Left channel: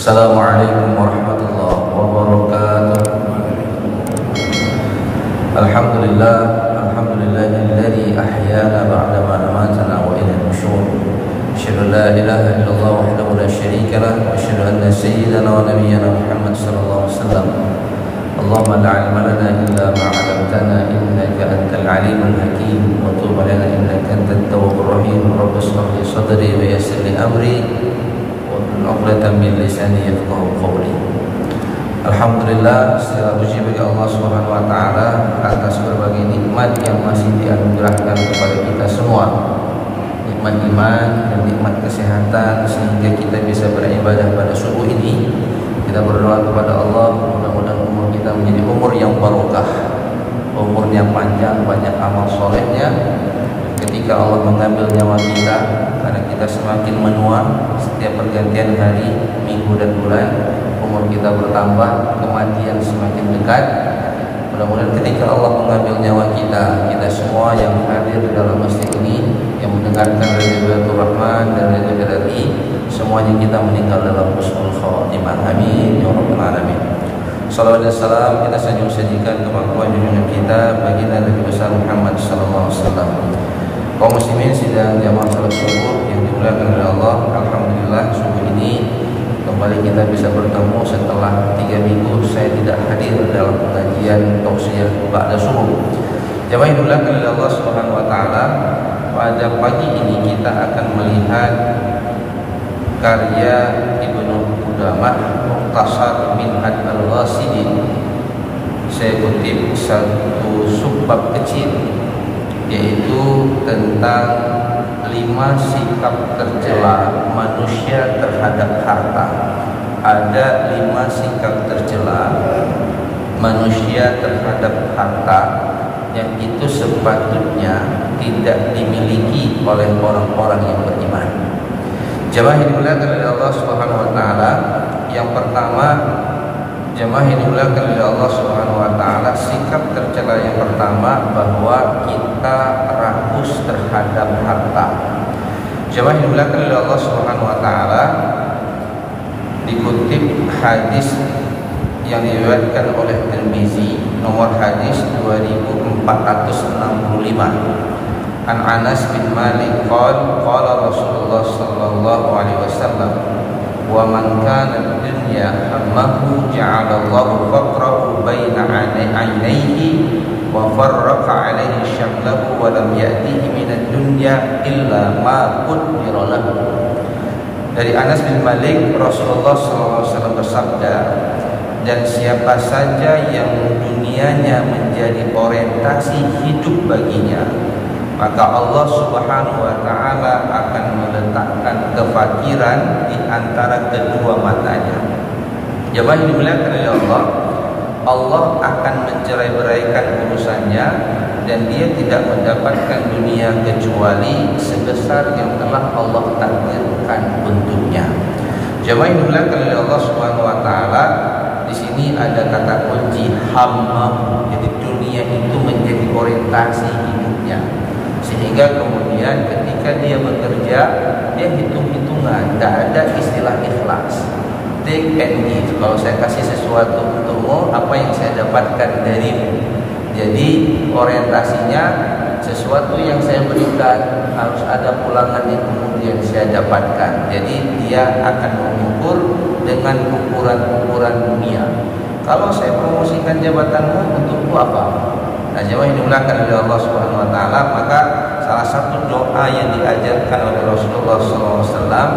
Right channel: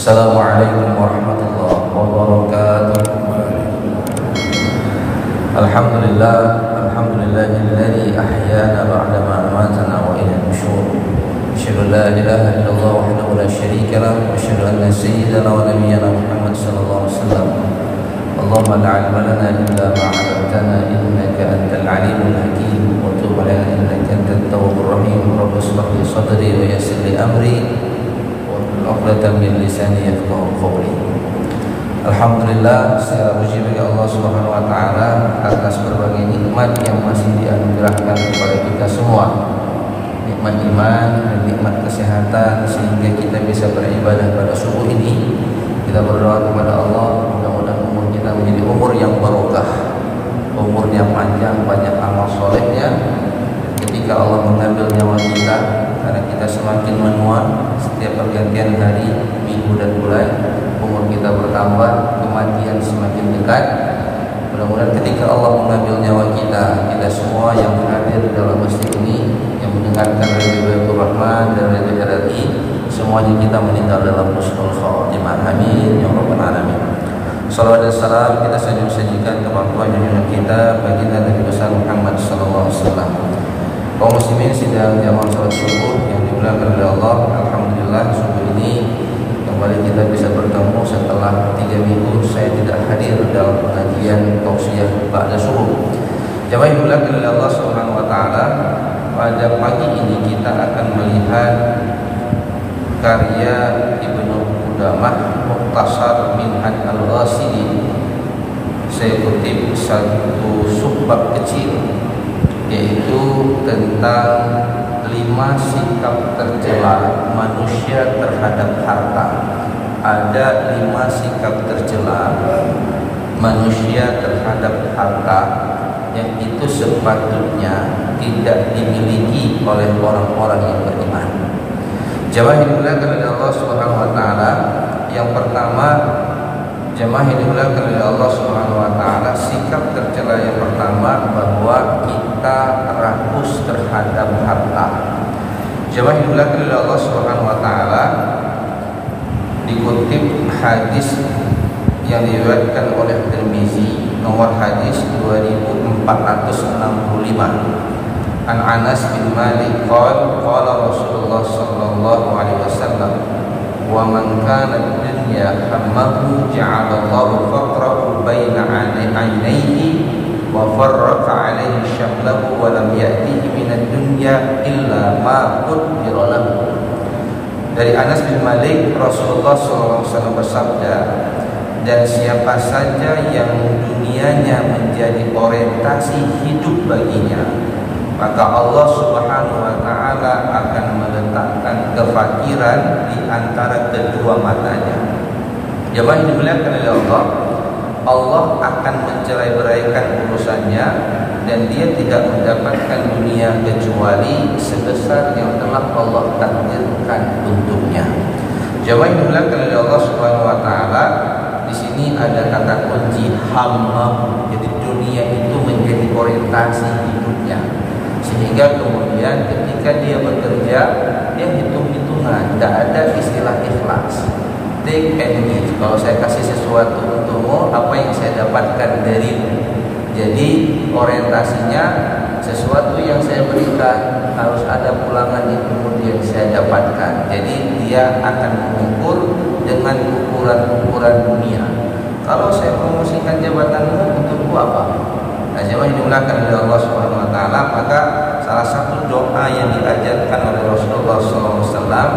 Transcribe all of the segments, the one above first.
Assalamualaikum warahmatullahi wabarakatuh. Alhamdulillahilladzi ahyana ba'da ma amatana wa ilayhi nusyur. Asyhadu an la ilaha illallah wahdahu la syarika lah wa asyhadu anna sayyidana wa nabiyyana Muhammad sallallahu alaihi wasallam. Allahumma la 'ilma lana illa ma 'allamtana innaka antal 'alimul hakim wa tub 'alaina innaka antat tawwabur rahim. Rabbi shrah li sadri wa yassir li amri uqdatan min lisani yafqahu qawli. Alhamdulillah, segala puji bagi Allah Subhanahu wa taala atas berbagai nikmat yang masih dianugerahkan kepada kita semua. Nikmat iman dan nikmat kesehatan sehingga kita bisa beribadah pada subuh ini. Kita berdoa kepada Allah, mudah-mudahan umur kita menjadi umur yang barokah, umurnya panjang, banyak amal solehnya. Ketika Allah mengambil nyawa kita, karena kita semakin menua setiap pergantian hari, minggu dan bulan, umur kita bertambah, kematian semakin dekat. Mudah-mudahan ketika Allah mengambil nyawa kita, kita semua yang hadir di dalam masjid ini, yang mendengarkan Ridwatul Rahman dan Radio Tadi, semuanya kita meninggal dalam husnul khatimah. Amin ya rabbal alamin. Salawat dan salam kita sajikan kemampuan yang kita bagi Nabi besar Muhammad sallallahu alaihi wasallam. Kaum muslimin sidang jamaah salat subuh yang dimuliakan oleh Allah, alhamdulillah subuh ini kembali kita bisa bertemu setelah 3 minggu saya tidak hadir dalam pengajian tausiah ba'da subuh. Jamaah yang dimuliakan oleh Allah Subhanahu wa taala, pada pagi ini kita akan melihat karya Ibnu Qudamah Mukhtasar Minhaj al-Ghasili. Saya kutip satu subbab kecil, yaitu tentang 5 sikap tercela manusia terhadap harta. Ada 5 sikap tercela manusia terhadap harta yang itu sepatutnya tidak dimiliki oleh orang-orang yang beriman. Jamaah yang dimuliakan oleh Allah Subhanahu wa taala, yang pertama, jamaah yang dimuliakan oleh Allah Subhanahu wa taala, sikap tercela yang pertama bahwa kita rakus terhadap harta. Jamaah yang dimuliakan oleh Allah Subhanahu wa taala, dikutip hadis yang diriwayatkan oleh Tirmizi, nomor hadis 2465. An Anas bin Malik qala Rasulullah sallallahu alaihi wasallam, wa man kana dunya hammahu ja'alallahu faqrahu baina 'ainayhi wa farraqa 'alaihi syamlahu wa lam ya'tihi minad dunya illa ma qaddara lahu. Dari Anas bin Malik, Rasulullah SAW bersabda, dan siapa saja yang dunianya menjadi orientasi hidup baginya, maka Allah Subhanahu wa taala akan meletakkan kefakiran di antara kedua matanya. Jemaah dimuliakan oleh Allah, Allah akan mencerai-beraikan urusannya dan dia tidak mendapatkan dunia kecuali sebesar yang telah Allah takdirkan untuknya. Jemaah dimuliakan oleh Allah Subhanahu wa taala, di sini ada kata kunci hammah. Jadi dunia itu menjadi orientasi hidupnya, sehingga kemudian ketika dia bekerja, dia hitung-hitungan, tidak ada istilah ikhlas. Take and give. Kalau saya kasih sesuatu untukmu, apa yang saya dapatkan darimu? Jadi orientasinya sesuatu yang saya berikan harus ada pulangan yang kemudian saya dapatkan. Jadi dia akan mengukur dengan ukuran-ukuran dunia. Kalau saya promosikan jabatanmu, untukku apa? Nah, jemaah yang dimuliakan oleh Allah Subhanahu wa taala, maka salah satu doa yang diajarkan oleh Rasulullah SAW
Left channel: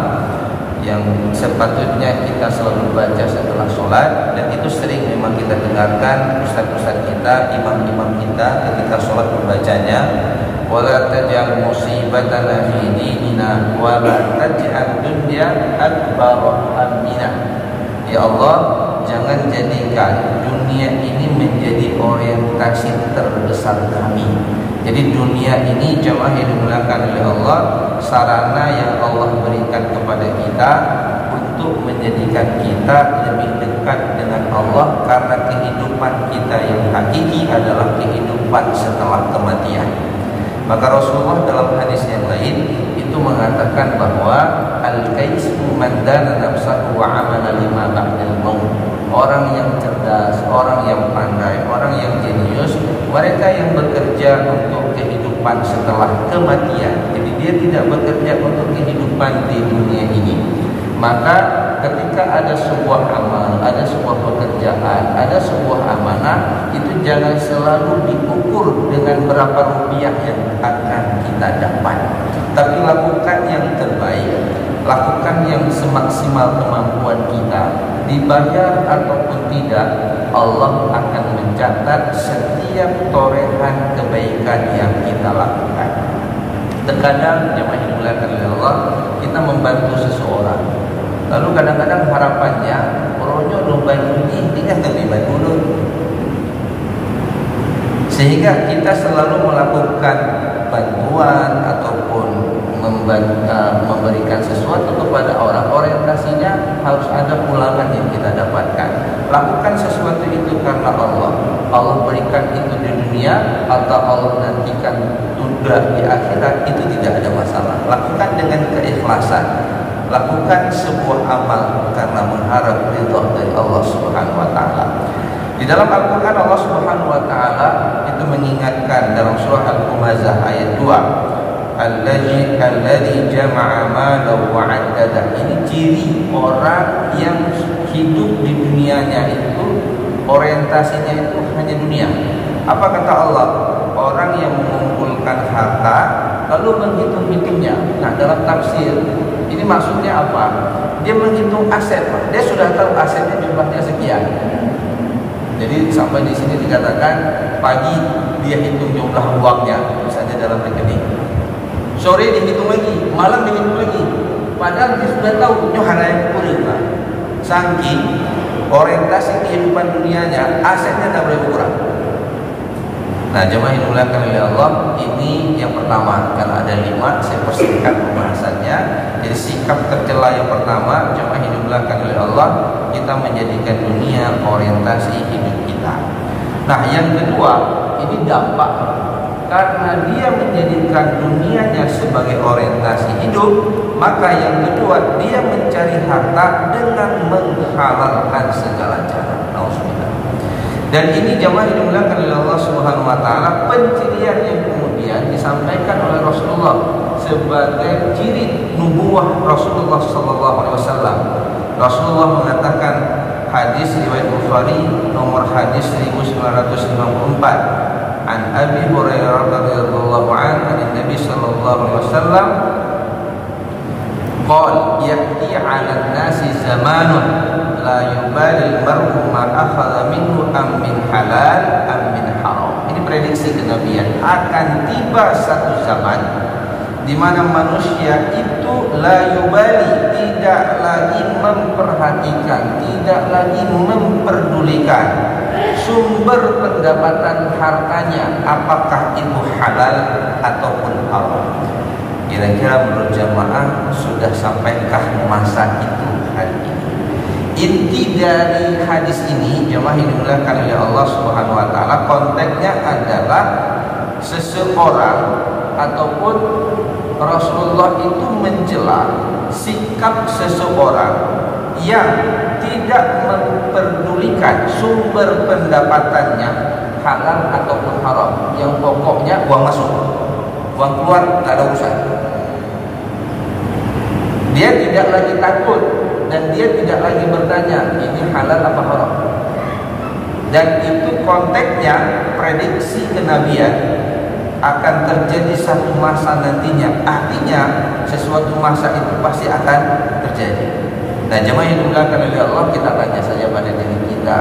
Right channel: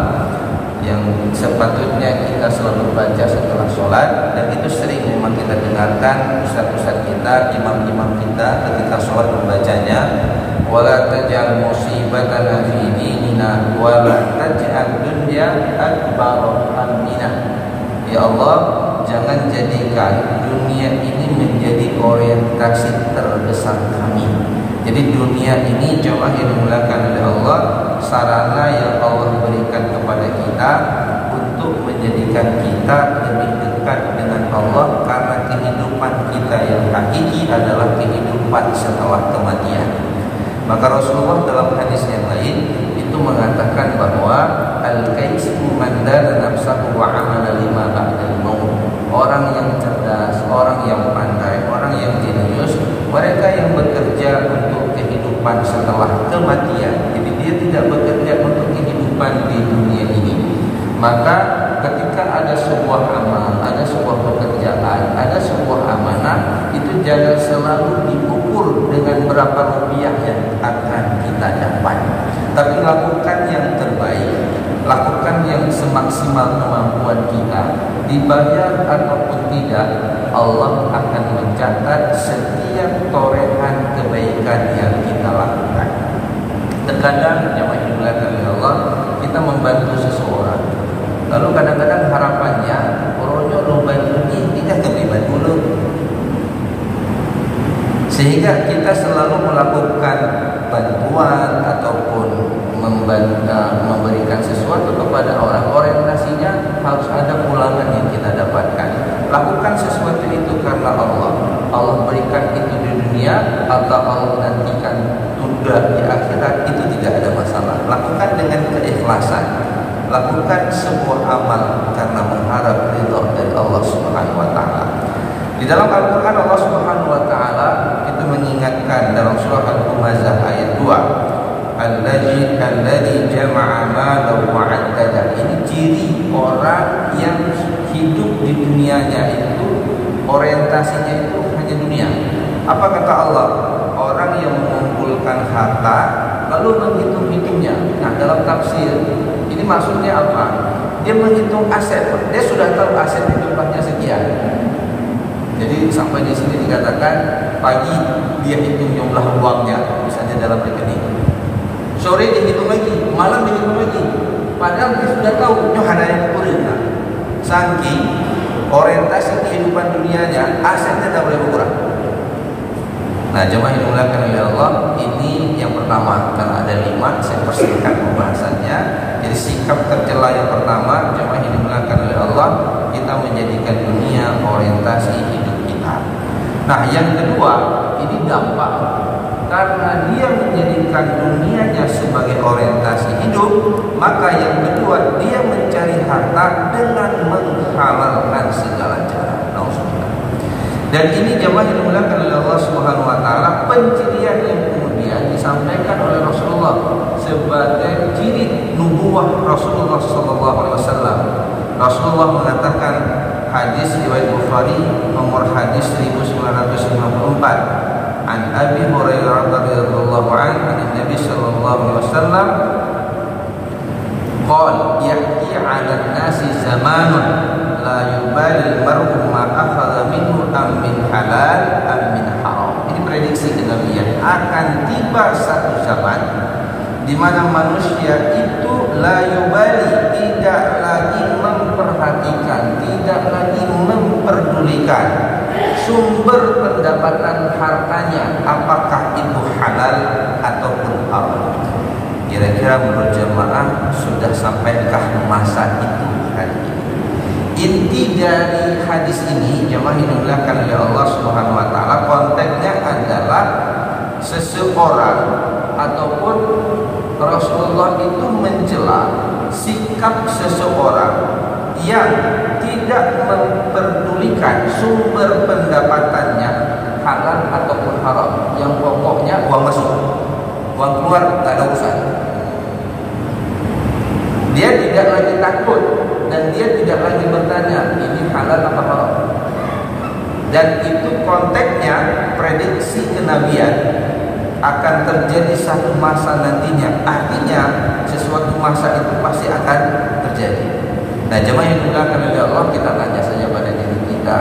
yang sepatutnya kita selalu baca setelah sholat, dan itu sering memang kita dengarkan ustaz-ustaz kita, imam-imam kita ketika sholat membacanya, wala taj'al musibatana fi dinina wa la taj'al dunya akbar hammina. Ya Allah, jangan jadikan dunia ini menjadi orientasi terbesar kami. Jadi dunia ini, jemaah yang dimuliakan oleh Allah, sarana yang Allah berikan kepada kita untuk menjadikan kita lebih dekat dengan Allah, karena kehidupan kita yang hakiki adalah kehidupan setelah kematian. Maka Rasulullah dalam hadis yang lain itu mengatakan bahwa al-kaisu man dana nafsahu wa amala lima ba'dal maut. Orang yang cerdas, orang yang pandai, orang yang jenius, mereka yang bekerja untuk kehidupan setelah kematian. Jadi dia tidak bekerja untuk kehidupan di dunia ini. Maka ketika ada sebuah amal, ada sebuah pekerjaan, ada sebuah amanah, itu jangan selalu diukur dengan berapa rupiah yang akan kita dapat. Tapi lakukan yang terbaik, lakukan yang semaksimal kemampuan kita. Dibayar ataupun tidak, Allah akan mencatat setiap torehan kebaikan yang kita lakukan. Terkadang jemaah yang dimuliakan oleh Allah, kita membantu seseorang. Lalu kadang-kadang harapannya rojo lu bantu ini kan terlibat dulu. Sehingga kita selalu melakukan bantuan ataupun memberikan sesuatu kepada orang, orientasinya harus ada pulangan yang kita dapatkan. Lakukan sesuatu itu karena Allah. Allah berikan itu di dunia atau Allah nantikan tunda di akhirat, itu tidak ada masalah. Lakukan dengan keikhlasan. Lakukan sebuah amal karena mengharap ridha dari Allah Subhanahu wa taala. Di dalam Al-Qur'an Allah Subhanahu wa taala itu mengingatkan dalam surah Al-Humazah ayat 2, Alladzi jama'a malan wa 'addada. Ini ciri orang yang hidup di dunianya itu orientasinya itu hanya dunia. Apa kata Allah? Orang yang mengumpulkan harta lalu menghitung-hitungnya. Nah, dalam tafsir ini maksudnya apa? Dia menghitung aset. Dia sudah tahu aset jumlahnya sekian. Jadi sampai di sini dikatakan pagi dia hitung jumlah uangnya, misalnya dalam rekening. Sore dihitung lagi, malam dihitung lagi. Padahal dia sudah tahu ada yang kurang. Saking orientasi kehidupan dunianya, asetnya tidak boleh berkurang. Nah, jemaah yang dimuliakan oleh Allah, ini yang pertama. Karena ada 5, saya persingkat pembahasannya. Jadi sikap tercela yang pertama, jemaah yang dimuliakan oleh Allah, kita menjadikan dunia orientasi hidup kita. Nah, yang kedua, ini dampak. Karena dia menjadikan dunianya sebagai orientasi hidup, maka yang kedua, dia mencari harta dengan menghalalkan segala cara. Dan ini jemaah yang dimuliakan oleh Allah Subhanahu wa taala, pencirian yang kemudian disampaikan oleh Rasulullah sebagai ciri nubuwah Rasulullah sallallahu alaihi wasallam. Rasulullah mengatakan, hadis riwayat Bukhari nomor hadis 1954, an Abi Hurairah radhiyallahu anhu an Nabi sallallahu alaihi wasallam qala ya'ti 'ala an-nasi zamanun la yubali al-mar'u ma akhadha minhu am min halal am min haram. Ini prediksi kenabian, akan tiba satu zaman di mana manusia itu la yubali, tidak lagi memperhatikan, tidak lagi memperdulikan sumber pendapatan hartanya, apakah itu halal ataupun haram. Kira-kira menurut jamaah sudah sampaikah masa itu hari ini? Inti dari hadis ini, jemaah yang dimuliakan oleh Allah Subhanahu wa taala, konteksnya adalah seseorang ataupun Rasulullah itu mencela sikap seseorang yang tidak memperdulikan sumber pendapatannya halal ataupun haram. Yang pokoknya uang masuk, uang keluar tak ada urusan. Dia tidak lagi takut dan dia tidak lagi bertanya ini halal apa haram. Dan itu konteksnya prediksi kenabian akan terjadi satu masa nantinya. Artinya sesuatu masa itu pasti akan terjadi. Nah, jemaah yang dimuliakan oleh Allah, kita tanya saja pada diri kita,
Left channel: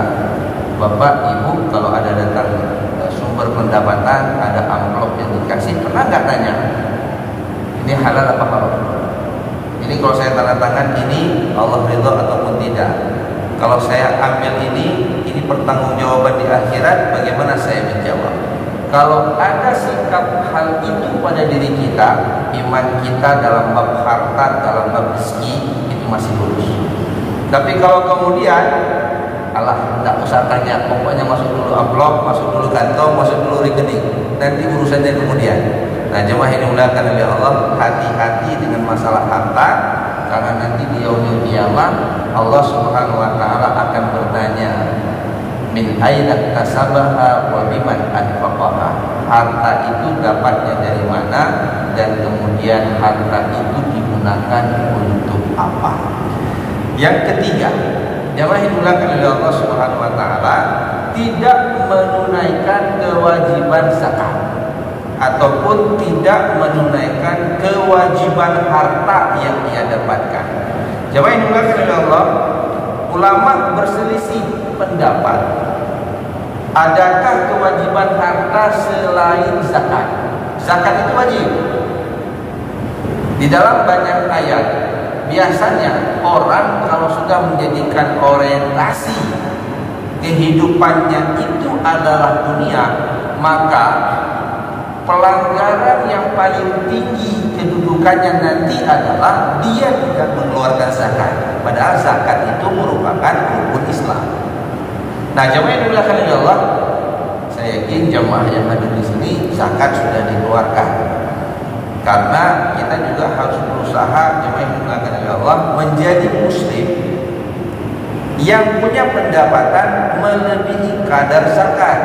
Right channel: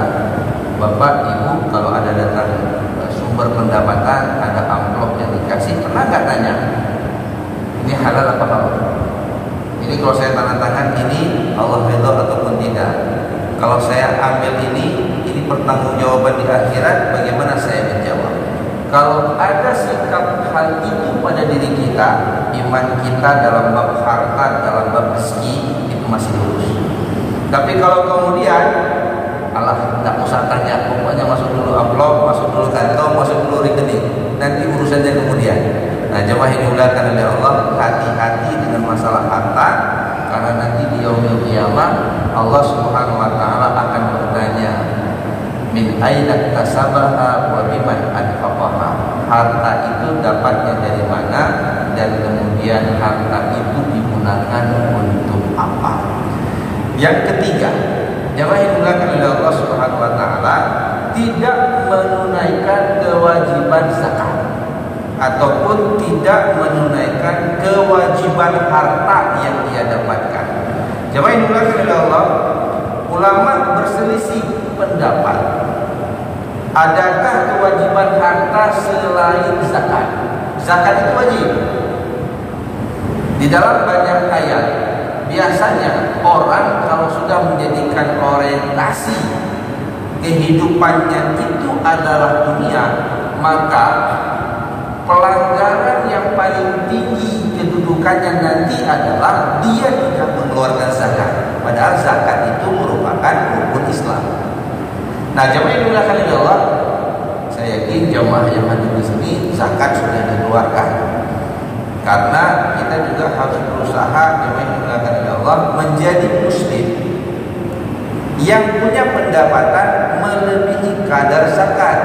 Bapak Ibu, kalau ada datang sumber pendapatan, ada amplop yang dikasih, pernah nggak tanya ini halal apa haram? Ini kalau saya tanda tangan ini Allah ridha ataupun tidak. Kalau saya ambil ini pertanggungjawaban di akhirat, bagaimana saya menjawab? Kalau ada sikap hal itu pada diri kita, iman kita dalam bab harta, dalam bab rezeki itu masih lurus. Tapi kalau kemudian Allah tidak usah tanya, pokoknya masuk dulu amplop, masuk dulu kantong, masuk dulu rekening, nanti urusannya kemudian. Nah, jemaah yang dimuliakan oleh Allah, hati-hati dengan masalah harta, karena nanti di yaumul qiyamah Allah Subhanahu wa taala akan bertanya, min aina tasabaha wa biman anfaqaha. Harta itu dapatnya dari mana dan kemudian harta itu digunakan untuk apa. Yang ketiga, jamaah yang dimuliakan oleh Allah Subhanahu wa taala, tidak menunaikan kewajiban zakat ataupun tidak menunaikan kewajiban harta yang ia dapatkan. Jamaah yang dimuliakan oleh Allah, ulama berselisih pendapat. Adakah kewajiban harta selain zakat? Zakat itu wajib. Di dalam banyak ayat, biasanya orang kalau sudah menjadikan orientasi kehidupannya itu adalah dunia, maka pelanggaran yang paling tinggi kedudukannya nanti adalah dia tidak mengeluarkan zakat. Padahal zakat itu merupakan rukun Islam. Nah, jamaah yang dimuliakan oleh Allah, saya yakin jamaah yang ada di sini zakat sudah dikeluarkan. Karena kita juga harus berusaha, jamaah yang dimuliakan oleh Allah, menjadi muslim yang punya pendapatan melebihi kadar zakat.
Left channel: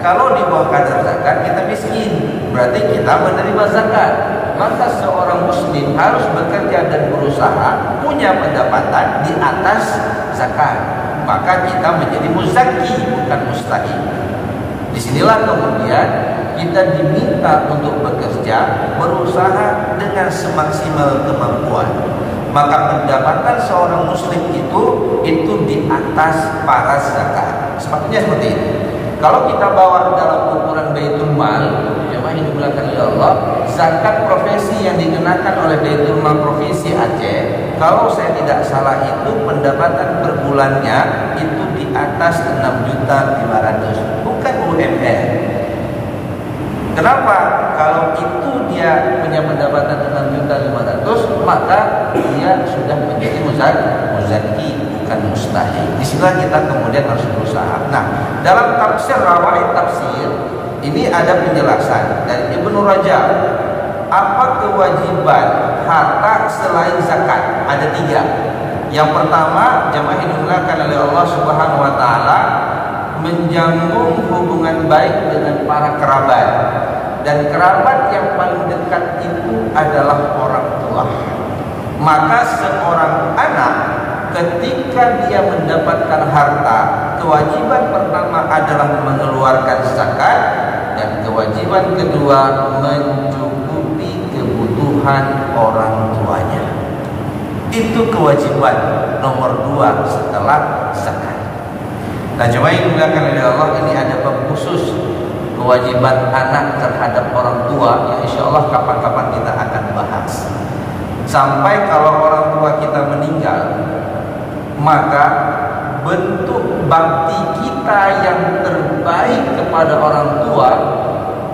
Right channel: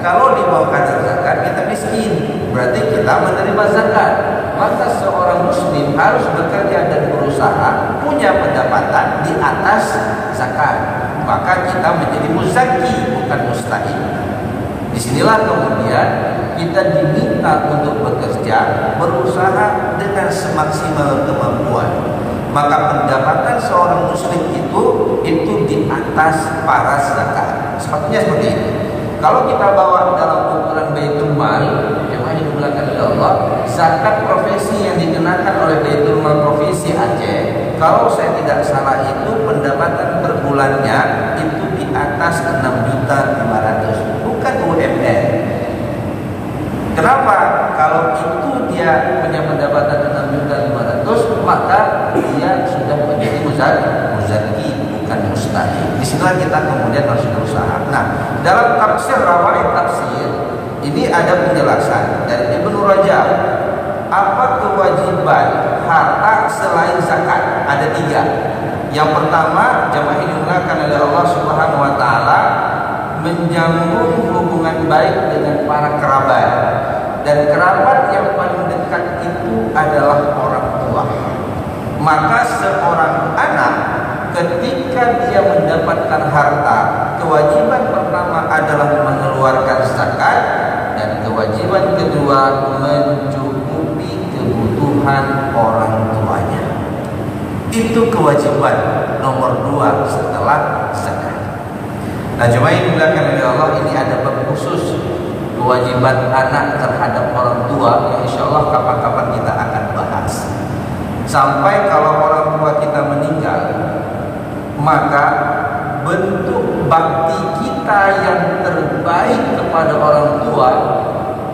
Kalau di bawah kadar zakat kita miskin, berarti kita menerima zakat. Maka seorang muslim harus bekerja dan berusaha punya pendapatan di atas zakat. Maka kita menjadi muzaki, bukan mustahil. Disinilah kemudian kita diminta untuk bekerja, berusaha dengan semaksimal kemampuan. Maka pendapatan seorang muslim itu di atas para zakat. Sepatutnya seperti itu. Kalau kita bawa dalam ukuran Baitul Mal, memang yang dimuliakan oleh Allah, zakat profesi yang dikenakan oleh Baitul Mal Provinsi Aceh, kalau saya tidak salah itu pendapatan per bulannya itu di atas 6.500.000, bukan UMR. Kenapa? Kalau itu dia punya pendapatan 6.500.000, maka dia sudah menjadi muzaki, bukan mustahil. Disinilah kita kemudian harus berusaha. Nah, dalam tafsir Rawaid Tafsir ini ada penjelasan dari Ibnu Rajab. Apa kewajiban harta selain zakat? Ada 3. Yang pertama, jamaah yang dimuliakan oleh Allah Subhanahu wa taala, menyambung hubungan baik dengan para kerabat. Dan kerabat yang paling dekat itu adalah orang tua. Maka seorang anak ketika dia mendapatkan harta, kewajiban pertama adalah mengeluarkan zakat, dan kewajiban kedua mencukupi kebutuhan orang tuanya. Itu kewajiban nomor 2 setelah zakat. Nah, jemaah yang dimuliakan oleh Allah, ini ada bab khusus kewajiban anak terhadap orang tua yang insya Allah kapan-kapan kita akan bahas. Sampai kalau orang tua kita meninggal, maka bentuk bakti kita yang terbaik kepada orang tua,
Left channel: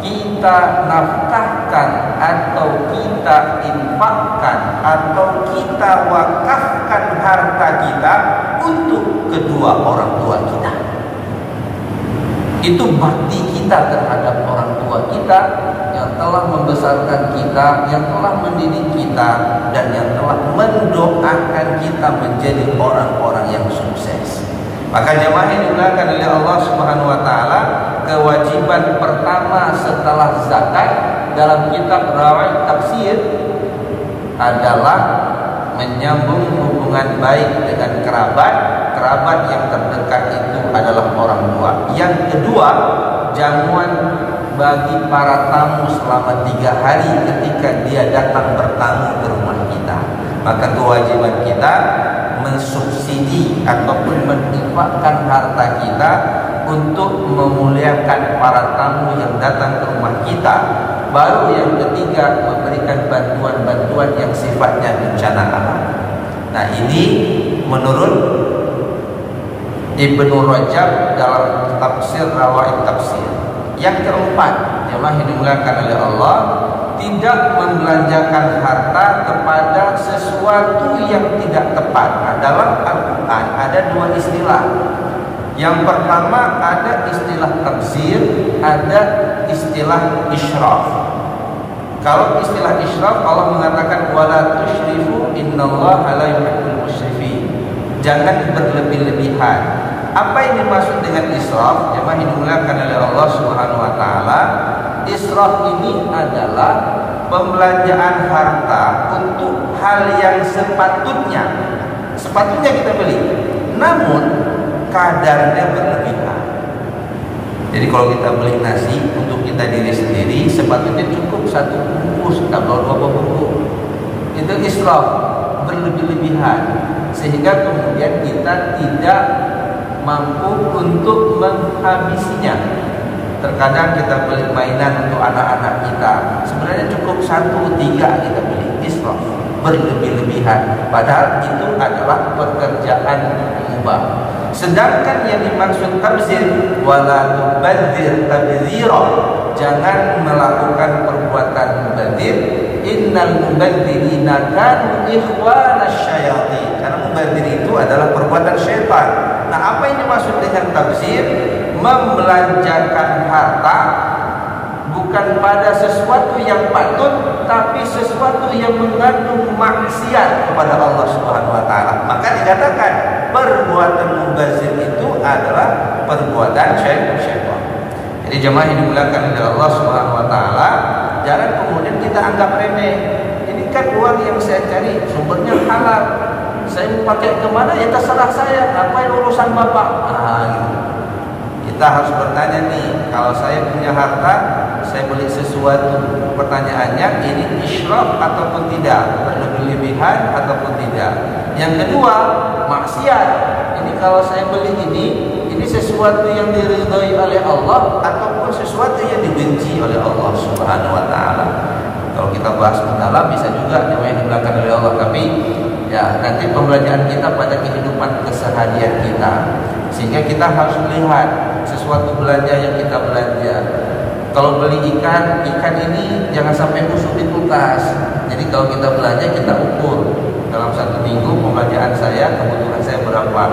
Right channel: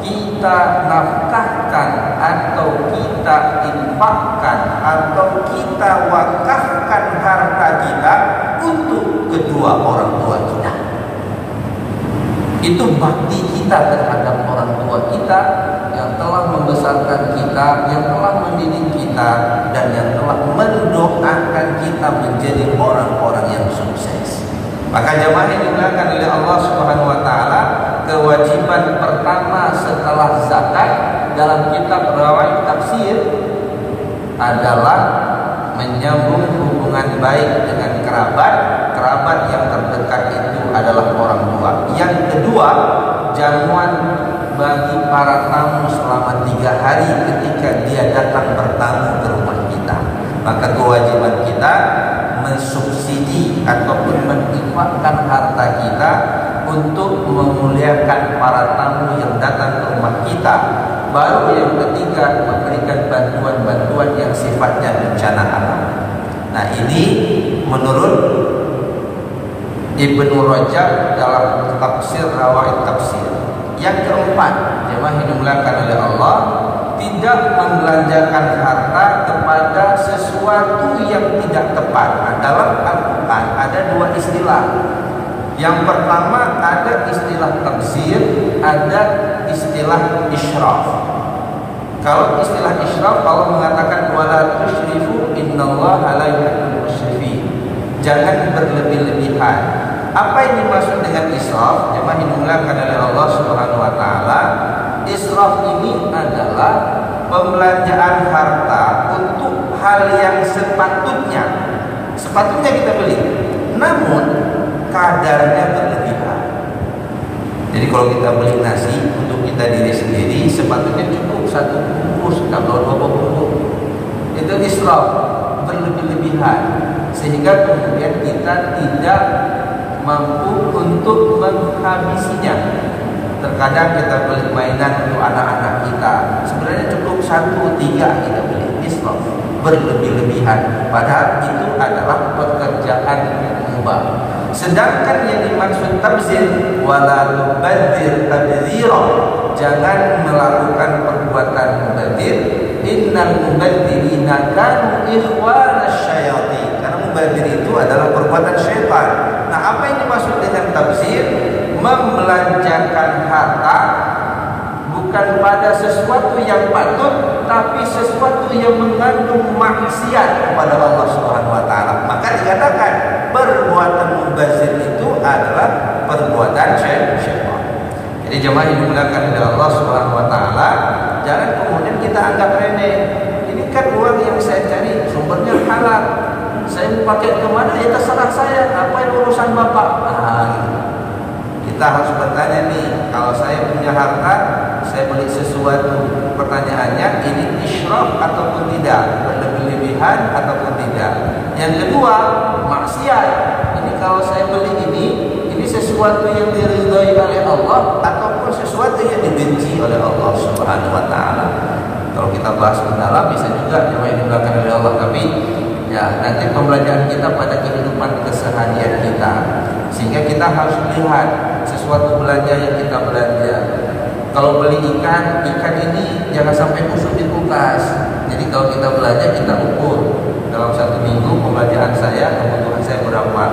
kita nafkahkan atau kita infakkan atau kita wakafkan harta kita untuk kedua orang tua kita. Itu bakti kita terhadap orang tua kita yang telah membesarkan kita, yang telah mendidik kita, dan yang telah mendoakan kita menjadi orang-orang yang sukses. Maka jemaah yang dimuliakan oleh Allah Subhanahu wa taala, kewajiban pertama setelah zakat dalam kitab Rawaid Tafsir adalah menyambung hubungan baik dengan kerabat. Kerabat yang terdekat itu adalah orang tua. Yang kedua, jamuan bagi para tamu selama 3 hari ketika dia datang bertamu ke rumah kita. Maka kewajiban kita mensubsidi ataupun menginfakkan harta kita untuk memuliakan para tamu yang datang ke rumah kita. Baru yang ketiga, memberikan bantuan-bantuan yang sifatnya bencana alam. Nah, ini menurut Ibnu Rajab dalam tafsir Rawaid Tafsir. Yang keempat, jemaah yang dimuliakan oleh Allah, tidak membelanjakan harta kepada sesuatu yang tidak tepat. Nah, dalam Al-Quran ada 2 istilah. Yang pertama ada istilah tabzir, ada istilah israf. Kalau istilah israf, Allah mengatakan wala tusyrifu innallaha la yuhibbul musyrifin. Jangan berlebih-lebihan. Apa yang dimaksud dengan israf? Memang dimulakan oleh Allah Subhanahu wa taala. Israf ini adalah pembelanjaan harta untuk hal yang sepatutnya kita beli, namun kadarnya berlebihan. Jadi kalau kita beli nasi untuk kita diri sendiri, sepatutnya cukup 1 bungkus atau 2 bungkus. Itu israf, berlebih-lebihan, sehingga kemudian kita tidak mampu untuk menghabisinya. Terkadang kita beli mainan untuk anak-anak kita, sebenarnya cukup 1, 3 kita beli. Israf, berlebih-lebihan, padahal itu adalah pekerjaan mubah. Sedangkan yang dimaksud tabzir, wala tubadzir tabdzira, jangan melakukan perbuatan mubadzir. Innal mubadzirina kanu ikhwanasy syayatin. Karena mubadzir itu adalah perbuatan syaitan. Nah, apa yang dimaksud dengan tabzir? Membelanjakan harta bukan pada sesuatu yang patut, tapi sesuatu yang mengandung maksiat kepada Allah Subhanahu wa taala. Maka dikatakan perbuatan mubazir itu adalah perbuatan syaitan. Jadi jemaah yang dimuliakan oleh Allah Subhanahu wa taala, jangan kemudian kita anggap remeh. Ini kan uang yang saya cari sumbernya halal. Saya mau pakai ke mana? Ya terserah saya. Apa yang urusan Bapak? Kita harus bertanya nih, kalau saya punya harta, saya beli sesuatu, pertanyaannya ini israf ataupun tidak, berlebih-lebihan ataupun tidak. Yang kedua, maksiat. Ini kalau saya beli ini sesuatu yang diridhai oleh Allah ataupun sesuatu yang dibenci oleh Allah Subhanahu wa taala. Kalau kita bahas mendalam bisa juga dimainkan oleh Allah, tapi ya nanti pembelajaran kita pada kehidupan keseharian kita. Sehingga kita harus melihat sesuatu belanja yang kita belanja. Kalau beli ikan ini jangan sampai busuk di kulkas. Jadi kalau kita belanja, kita ukur dalam 1 minggu pembagian saya, kebutuhan saya berapa.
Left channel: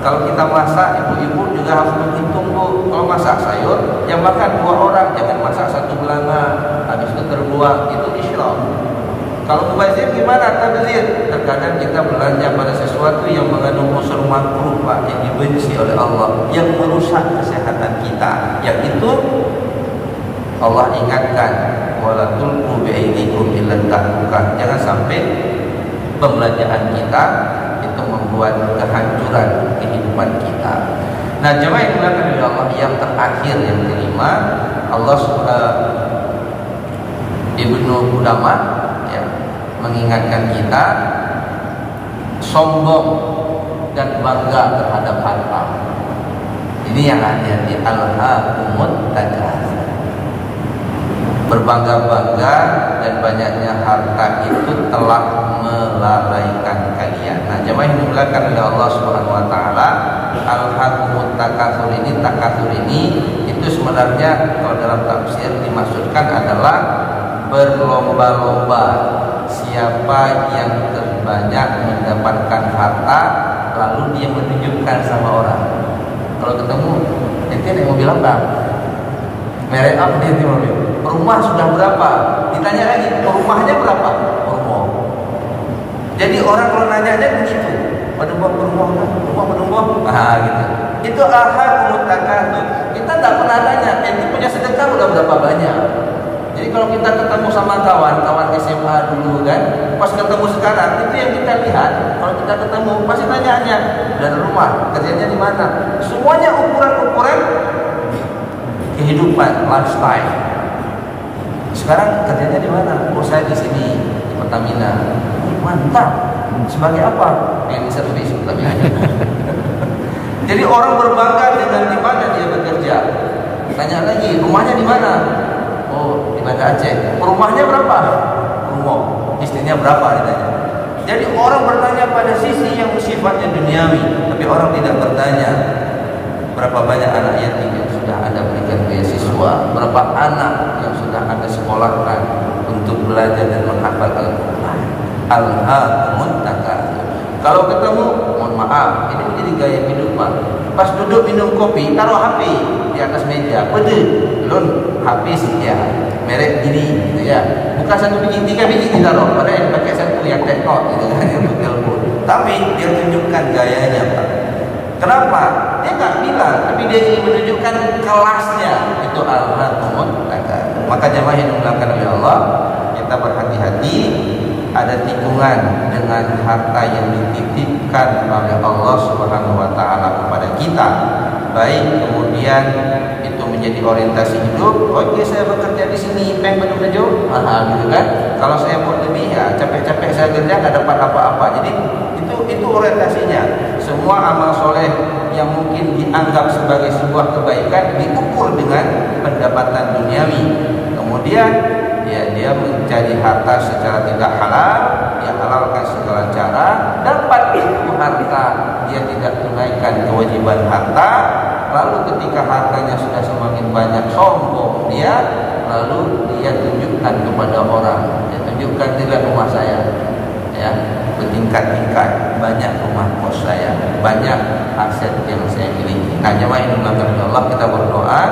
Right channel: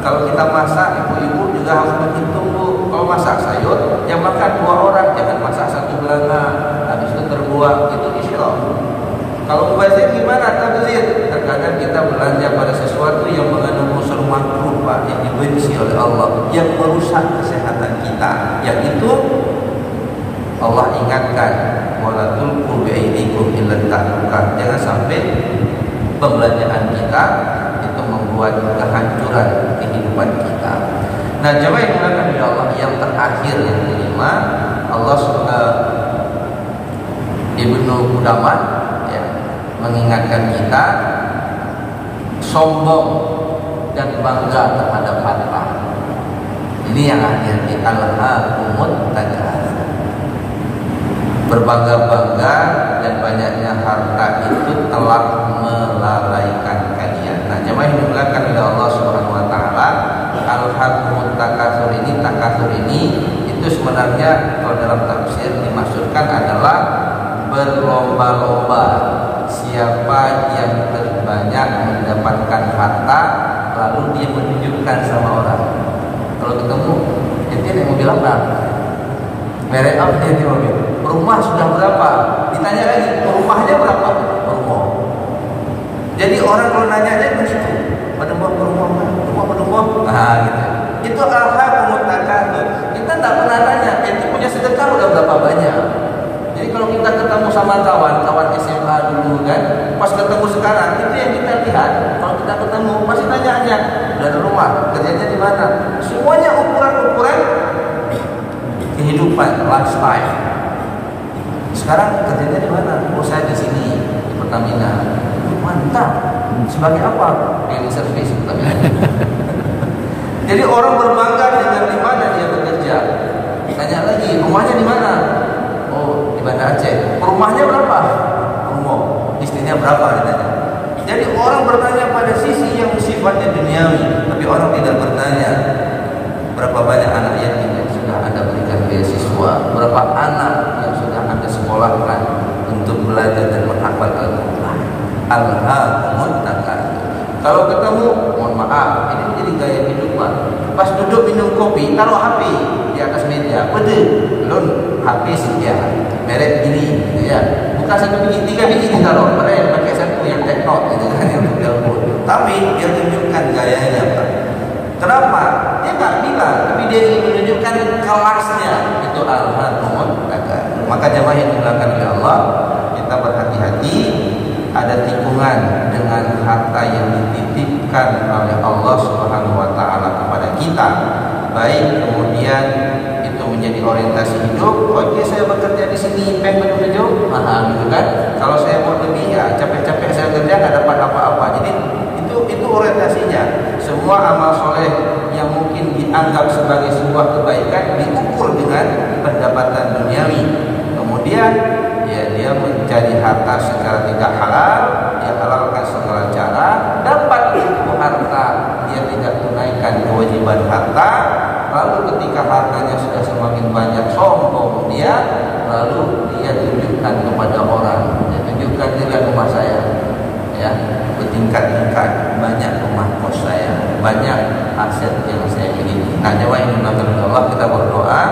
Kalau kita masak, ibu-ibu juga harus menghitung, Bu. Kalau masak sayur, yang makan 2 orang, jangan masak 1 belanga, habis itu terbuang, itu israf. Kalau mubazir gimana? Tabzir. Terkadang kita belanja pada sesuatu yang mengandung unsur makruh, Pak, yang dibenci oleh Allah, yang merusak kesehatan kita. Yang itu Allah ingatkan, wala tulqu bi'aydikum ila tahlukah. Jangan sampai pembelanjaan kita itu membuat kehancuran kehidupan kita. Nah, jemaah yang dimuliakan oleh Allah, yang terakhir, yang kelima, Allah Ibnu Qudamah mengingatkan kita sombong dan bangga terhadap harta. Ini yang hati-hati, al-hakumut takatsur. Berbangga-bangga dan banyaknya harta itu telah melalaikan kalian. Nah, jemaah yang dimuliakan oleh Allah Subhanahu wa taala, al-hakumut takatsur ini itu sebenarnya kalau dalam tafsir dimaksudkan adalah berlomba-lomba. Siapa yang terbanyak mendapatkan harta, lalu dia menunjukkan sama orang. Kalau ketemu, dia ada mobil apa? Merek apa dia di mobil? Rumah sudah berapa? Ditanya lagi, rumahnya berapa? Rumah. Jadi orang kalau nanya aja begitu. Pada rumah. Nah, gitu. Itu al-hakumut takatsur. Kita tidak pernah nanya, itu punya sedekah udah berapa banyak? Jadi kalau kita ketemu sama kawan SMA dulu kan, pas ketemu sekarang itu yang kita lihat. Kalau kita ketemu pasti tanyaannya dari rumah, kerjanya di mana. Semuanya ukuran kehidupan, lifestyle. Sekarang kerjanya di mana? Oh, saya di sini di Pertamina. Mantap. Sebagai apa? Yang servis Pertamina. Jadi orang berbangga dengan di mana dia bekerja. Tanya lagi, rumahnya di mana? Oh, di Banda Aceh. Rumahnya berapa? Rumah. Istrinya berapa? Ditanya. Jadi orang bertanya pada sisi yang sifatnya duniawi, tapi orang tidak bertanya berapa banyak anak yatim yang sudah Anda berikan beasiswa, berapa anak yang sudah Anda sekolahkan untuk belajar dan menghafal Al-Quran. Al-hakumut takatsur. Kalau ketemu, mohon maaf, ini menjadi gaya kehidupan. Pas duduk minum kopi, taruh HP di atas meja. Pedih, lun HP sekian. merek ini, gitu ya. Bukan 1 biji, 3 biji ditaruh, padahal yang pakai 1 yang teknot, gitu kan, untuk telepon. Tapi dia tunjukkan gayanya, Pak. Kenapa? Dia nggak bilang, tapi dia ingin menunjukkan kelasnya. Itu al-hakumut takar. Maka jemaah yang dimuliakan oleh Allah, kita berhati-hati. Ada tikungan dengan harta yang dititipkan oleh Allah Subhanahu wa taala kepada kita. Baik kemudian itu menjadi orientasi hidup. Oke, saya bekerja di sini pengen menuju gitu kan. Kalau saya mau lebih, ya capek-capek saya kerja nggak dapat apa-apa. Jadi itu orientasinya. Semua amal soleh yang mungkin dianggap sebagai sebuah kebaikan diukur dengan pendapatan duniawi. Kemudian dia mencari harta secara tidak halal, dia halalkan segala cara, dapat itu harta, dia tidak tunaikan kewajiban harta. Lalu ketika hartanya sudah semakin banyak, sombong dia, lalu dia tunjukkan kepada orang, dia tunjukkan juga rumah saya, ya, bertingkat-tingkat, banyak rumah kos saya, banyak aset yang saya miliki. Nah, jemaah yang dimuliakan oleh Allah, kita berdoa,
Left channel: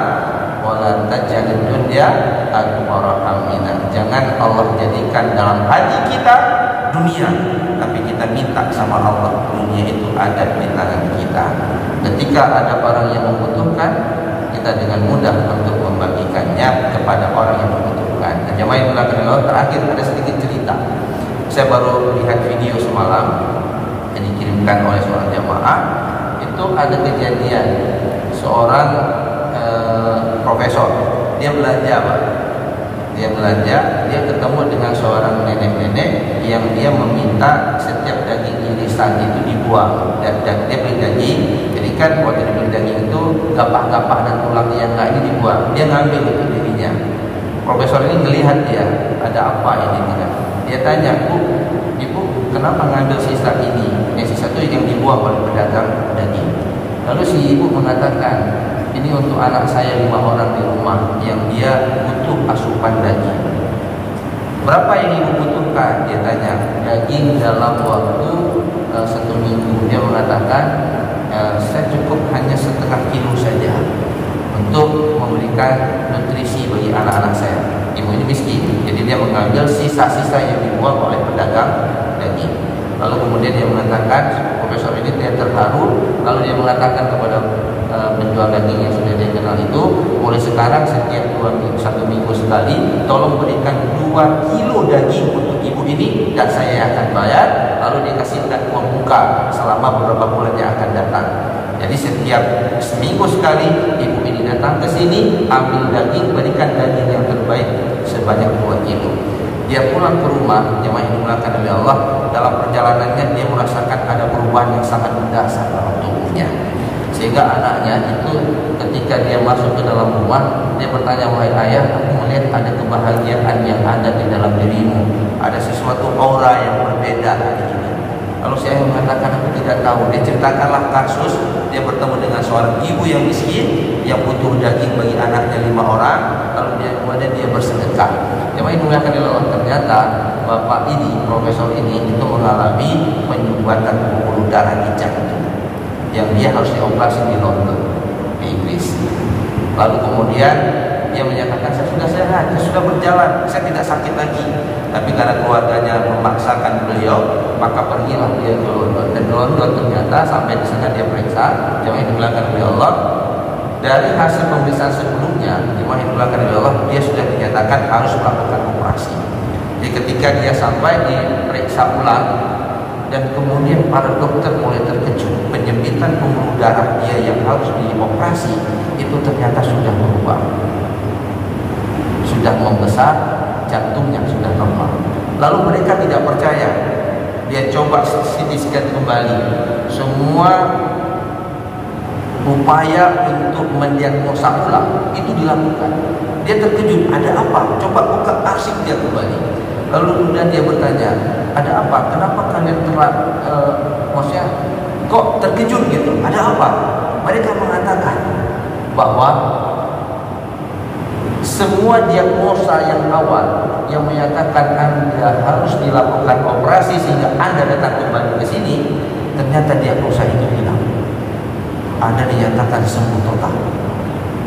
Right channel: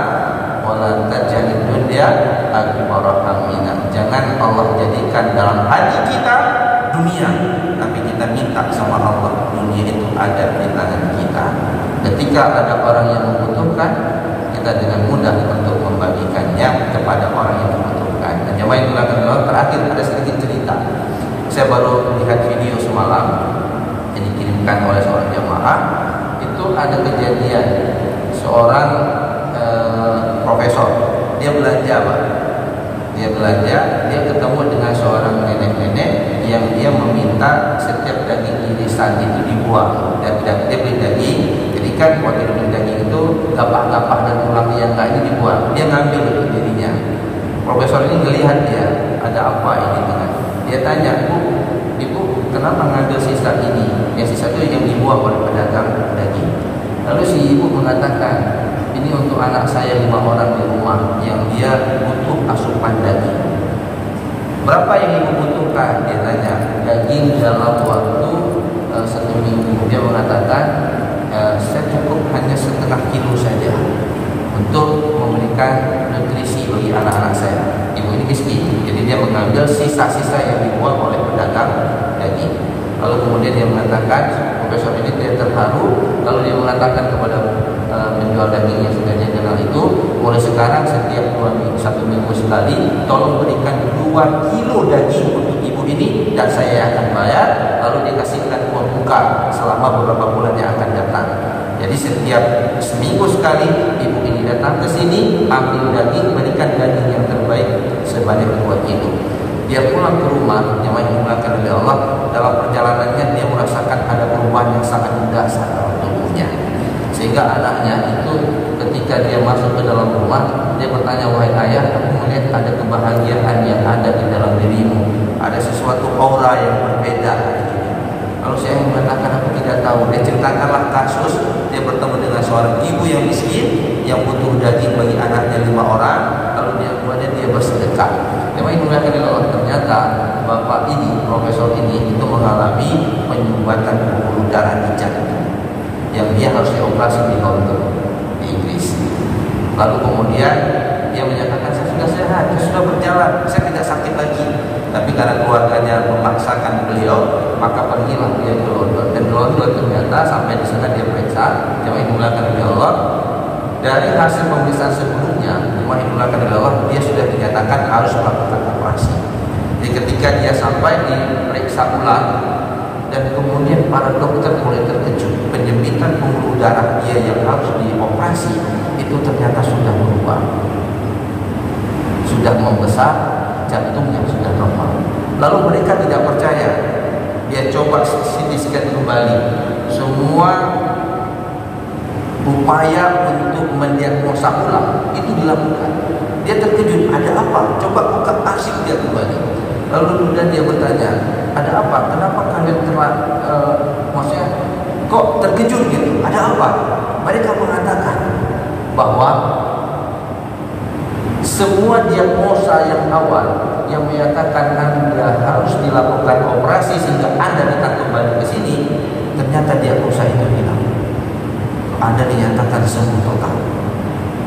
wala taj'alid dunya akbara hammina. Jangan Allah jadikan dalam hati kita dunia, tapi kita minta sama Allah dunia itu ada di tangan kita. Ketika ada orang yang membutuhkan, kita dengan mudah untuk membagikannya kepada orang yang membutuhkan. Jemaah yang dimuliakan Allah, terakhir ada sedikit cerita. Saya baru lihat video semalam yang dikirimkan oleh seorang jemaah. Itu ada kejadian seorang profesor, dia belanja, Pak. Dia belanja, dia ketemu dengan seorang nenek-nenek yang dia meminta setiap daging irisan itu dibuang. Dan dia beli daging, jadi kan waktu dia beli daging itu gapak-gapak dan tulangnya yang lain itu dibuang. Dia ngambil itu dirinya. Profesor ini melihat dia, ada apa ini? Dia tanya, Ibu, kenapa ngambil sisa ini? Yang sisa itu yang dibuang oleh pedagang daging. Lalu si ibu mengatakan, ini untuk anak saya 5 orang di rumah yang dia butuh asupan daging. Berapa yang ibu butuhkan? Dia tanya. Daging dalam waktu 1 minggu. Dia mengatakan, saya cukup hanya 1/2 kilo saja untuk memberikan nutrisi bagi anak-anak saya. Ibu ini miskin, jadi dia mengambil sisa-sisa yang dibuang oleh pedagang daging. Lalu kemudian dia mengatakan, profesor ini dia terharu. Lalu dia mengatakan kepada penjual daging yang sudah dia kenal itu, mulai sekarang setiap 1 minggu sekali, tolong berikan 2 kilo daging untuk ibu ini dan saya akan bayar. Lalu dia kasihkan uang muka selama beberapa bulan yang akan datang. Jadi setiap seminggu sekali ibu ini datang ke sini, ambil daging, berikan daging yang terbaik sebanyak 2 kilo. Dia pulang ke rumah, yang dimuliakan oleh Allah, dalam perjalanannya dia merasakan ada perubahan yang sangat mendasar dalam tubuhnya. Sehingga anaknya itu ketika dia masuk ke dalam rumah, dia bertanya, wahai ayah, aku melihat ada kebahagiaan yang ada di dalam dirimu, ada sesuatu aura yang berbeda. Kalau saya mengatakan aku tidak tahu, dia ceritakanlah kasus dia bertemu dengan seorang ibu yang miskin yang butuh daging bagi anaknya 5 orang, lalu kemudian dia bersedekah. Yang dimuliakan oleh Allah, ternyata bapak ini, profesor ini itu mengalami penyumbatan pembuluh darah di jantung yang dia harus dioperasi di London, di Inggris. Lalu kemudian dia menyatakan, saya sudah sehat, saya sudah berjalan, saya tidak sakit lagi. Tapi karena keluarganya memaksakan beliau, maka pergilah beliau ke London. Dan di London ternyata sampai di sana dia periksa, jemaah dimuliakan oleh Allah, dari hasil pemeriksaan sebelumnya, jemaah dimuliakan oleh Allah, dia sudah dinyatakan harus melakukan operasi. Jadi ketika dia sampai diperiksa ulang, dan kemudian para dokter mulai terkejut, penyempitan pembuluh darah dia yang harus dioperasi itu ternyata sudah berubah, sudah membesar, jantungnya sudah normal. Lalu mereka tidak percaya, dia coba CT scan kembali, semua upaya untuk mendiagnosa ulang itu dilakukan. Dia terkejut, ada apa? Coba buka arsip dia kembali. Lalu kemudian dia bertanya, ada apa? Kenapa kalian maksudnya kok terkejut gitu? Ada apa? Mereka mengatakan bahwa semua diagnosa yang awal yang menyatakan Anda harus dilakukan operasi sehingga Anda datang kembali ke sini, ternyata diagnosa itu hilang. Anda dinyatakan sembuh total.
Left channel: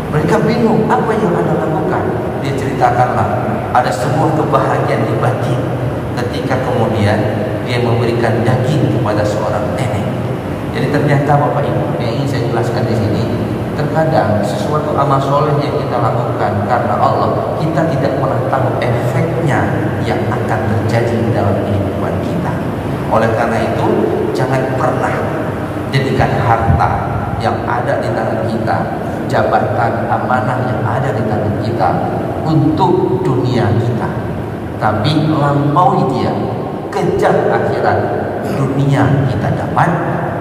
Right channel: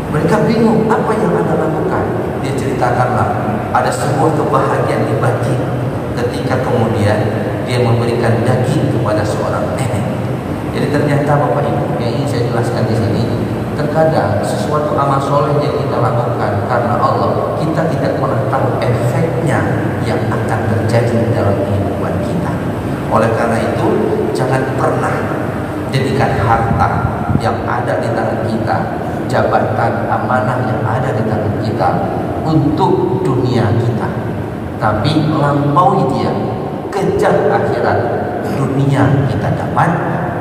Mereka bingung, apa yang Anda lakukan? Dia cerita katakanlah ada sebuah kebahagiaan di batin ketika kemudian dia memberikan daging kepada seorang nenek. Jadi ternyata Bapak Ibu, yang ingin saya jelaskan di sini, terkadang sesuatu amal soleh yang kita lakukan karena Allah, kita tidak pernah tahu efeknya yang akan terjadi dalam kehidupan kita. Oleh karena itu, jangan pernah jadikan harta yang ada di tangan kita, jabatan amanah yang ada di tangan kita untuk dunia kita, tapi melampaui dia, kejar akhirat. Dunia kita dapat,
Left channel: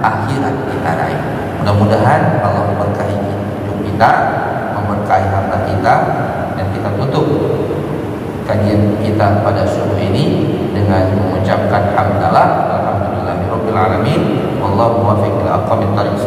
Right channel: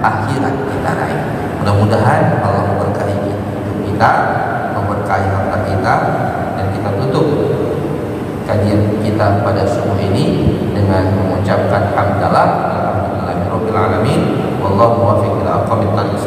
akhirat kita raih. Mudah-mudahan Allah memberkahi hidup kita, memberkahi harta kita, dan kita tutup kajian kita pada subuh ini dengan mengucapkan hamdalah alhamdulillahirabbil alamin. Wallahu muwaffiq ila aqwamit thoriq.